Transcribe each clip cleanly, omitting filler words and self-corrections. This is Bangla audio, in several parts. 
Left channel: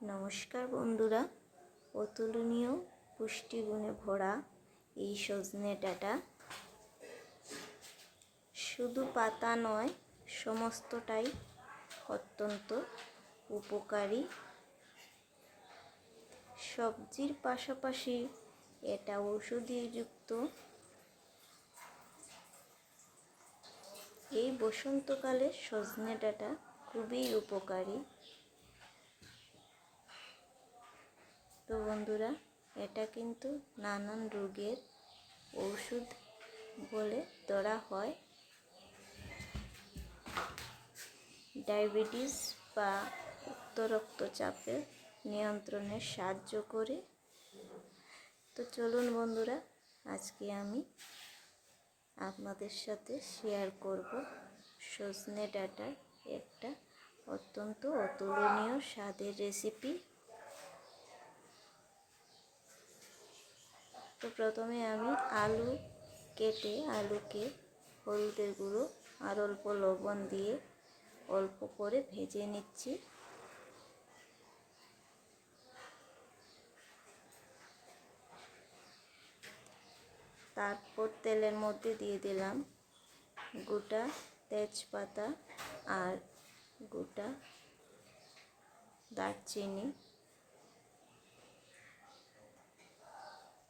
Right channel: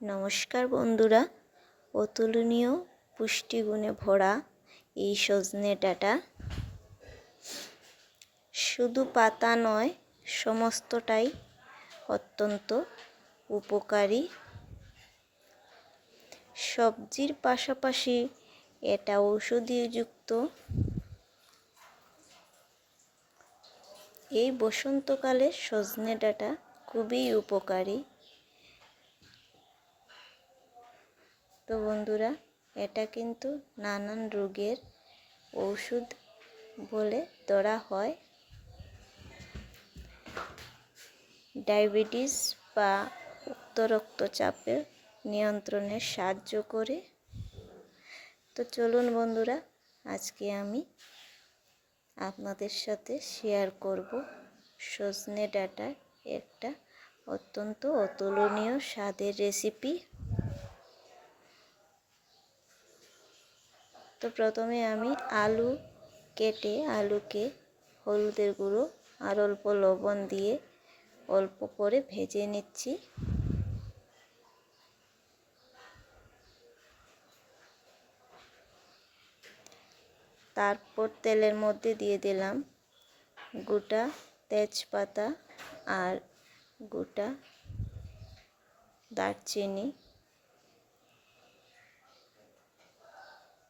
নমস্কার বন্ধুরা, অতুলনীয় পুষ্টিগুণে ভরা এই সজনে ডাঁটা শুধু পাতা নয়, সমস্তটাই অত্যন্ত উপকারী। সবজির পাশাপাশি এটা ঔষধিযুক্ত। এই বসন্তকালে সজনে ডাঁটা খুবই উপকারী। তো বন্ধুরা, এটা কিন্তু নানান রোগের ওষুধ বলে ধরা হয়। ডায়াবেটিস বা উচ্চ রক্তচাপের নিয়ন্ত্রণে সাহায্য করে। তো চলুন বন্ধুরা, আজকে আমি আপনাদের সাথে শেয়ার করব সজনে ডাঁটার একটা অত্যন্ত অতুলনীয় স্বাদের রেসিপি। তো প্রথমে আমি আলুকে হলুদের গুঁড়ো আর অল্প লবণ দিয়ে অল্প করে ভেজে নিচ্ছি। তারপর তেলের মধ্যে দিয়ে দিলাম গোটা তেজপাতা আর গোটা দারচিনি।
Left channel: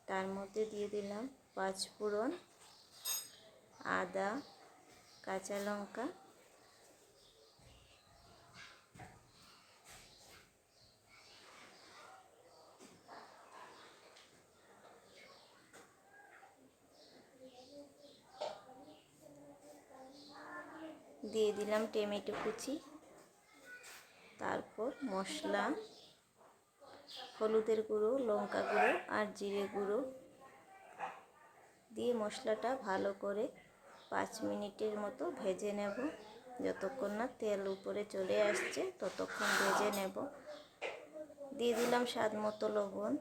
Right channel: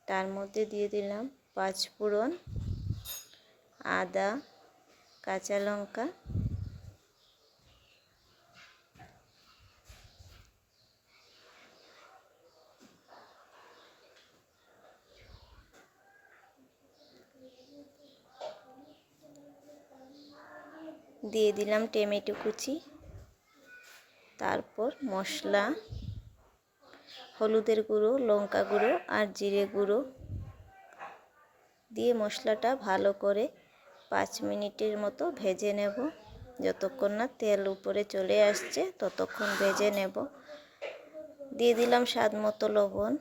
তার মধ্যে দিয়ে দিলাম পাঁচফোড়ন, আদা, কাঁচা লঙ্কা, দিয়ে দিলাম টমেটো কুচি। তারপর মশলা, হলুদের গুঁড়ো, লঙ্কা গুঁড়ো আর জিরে গুঁড়ো দিয়ে মশলাটা ভালো করে 5 মিনিটের মতো ভেজে নেব। যতক্ষণ না তেল উপরে চলে আসছে ততক্ষণ ভেজে নেব। দিয়ে দিলাম স্বাদ মতো লবণ।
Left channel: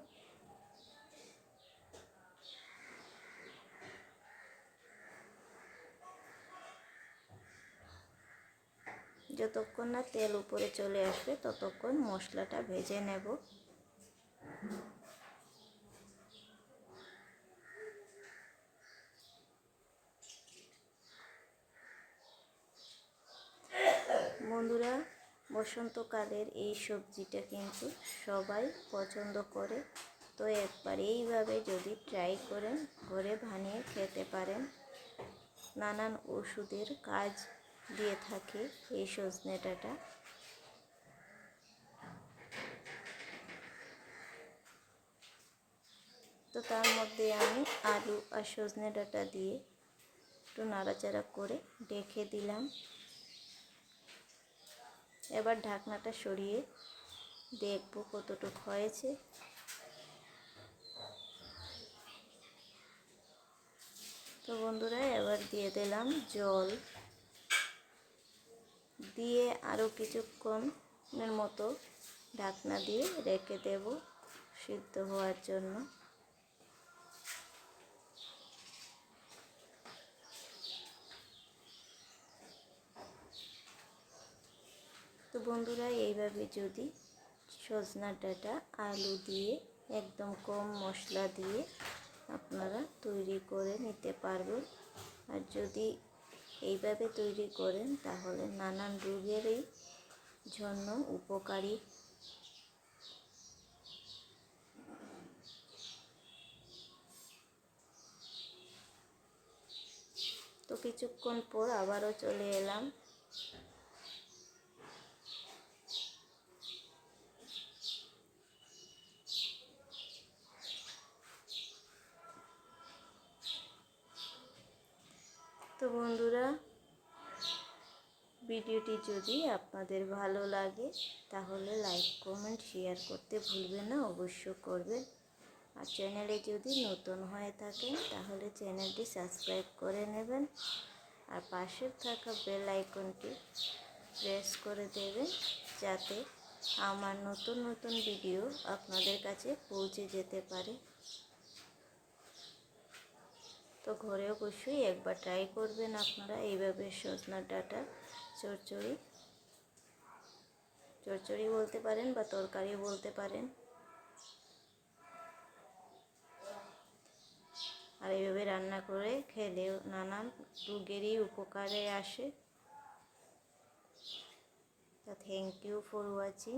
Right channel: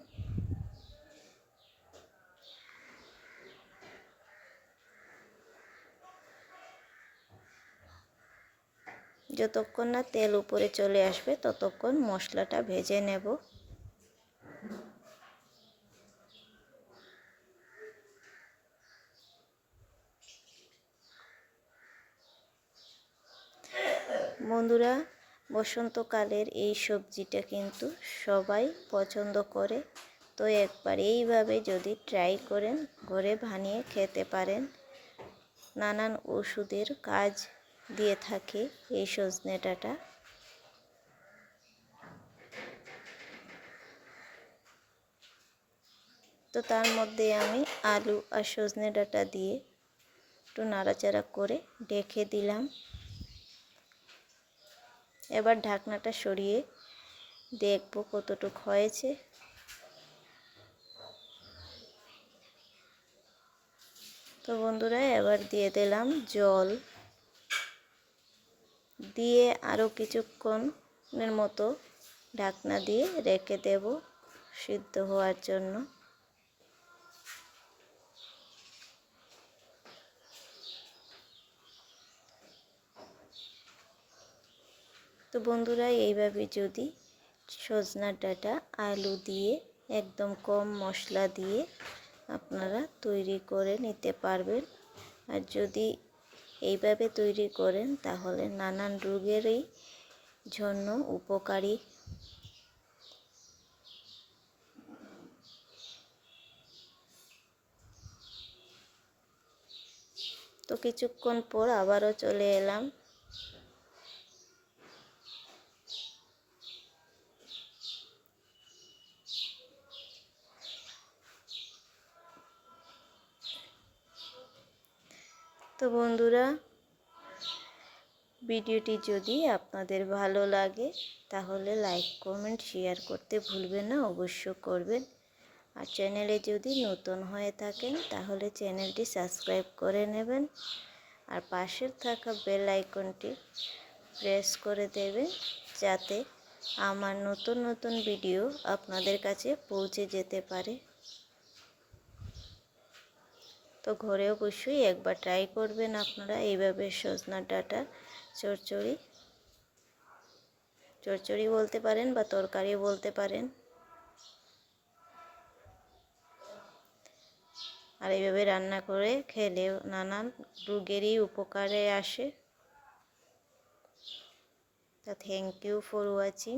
যতক্ষণ না তেল উপরে চলে আসবে ততক্ষণ মশলাটা ভেজে নেব। বন্ধুরা, বসন্তকালের এই সবজিটা কিন্তু সবাই পছন্দ করে। তো একবার এইভাবে যদি ট্রাই করেন, ঘরে বানিয়ে খেতে পারেন। নানান ওষুধের কাজ দিয়ে থাকে এই সজনে ডাঁটা। তো তার মধ্যে আমি আলু আর সজনে ডাঁটা দিয়ে একটু নাড়াচাড়া করে ঢেকে দিলাম। এবার ঢাকনাটা সরিয়ে দেখব কতটুকু হয়েছে। তো বন্ধুরা, এবার দিয়ে দিলাম জল, দিয়ে আরও কিছুক্ষণের মতো ঢাকনা দিয়ে রেখে দেব সিদ্ধ হওয়ার জন্য। তো বন্ধুরা, এইভাবে যদি সজনা ডাঁটা আলু দিয়ে একদম কম মশলা দিয়ে আপনারা তৈরি করে নিতে পারবেন। আর যদি এইভাবে তৈরি করেন তাহলে নানান রোগেরই জন্য উপকারী। তো কিছুক্ষণ পর আবারও চলে এলাম। তো বন্ধুরা, ভিডিওটি যদি আপনাদের ভালো লাগে তাহলে লাইক, কমেন্ট, শেয়ার করতে ভুলবেন না, অবশ্য করবেন। আর চ্যানেলে যদি নতুন হয়ে থাকেন তাহলে চ্যানেলটি সাবস্ক্রাইব করে নেবেন আর পাশে থাকা বেল আইকনটি প্রেস করে দেবেন যাতে আমার নতুন নতুন ভিডিও আপনাদের কাছে পৌঁছে যেতে পারে। তো ঘরে অবশ্যই একবার ট্রাই করবেন আপনারা এইভাবে সজনা ডাঁটা চচ্চড়ি। চচ্চড়ি বলতে পারেন বা তরকারিও বলতে পারেন। আর এইভাবে রান্না করে খেলে নানান রোগেরই উপকারে আসে। তো থ্যাংক ইউ ফর ওয়াচিং।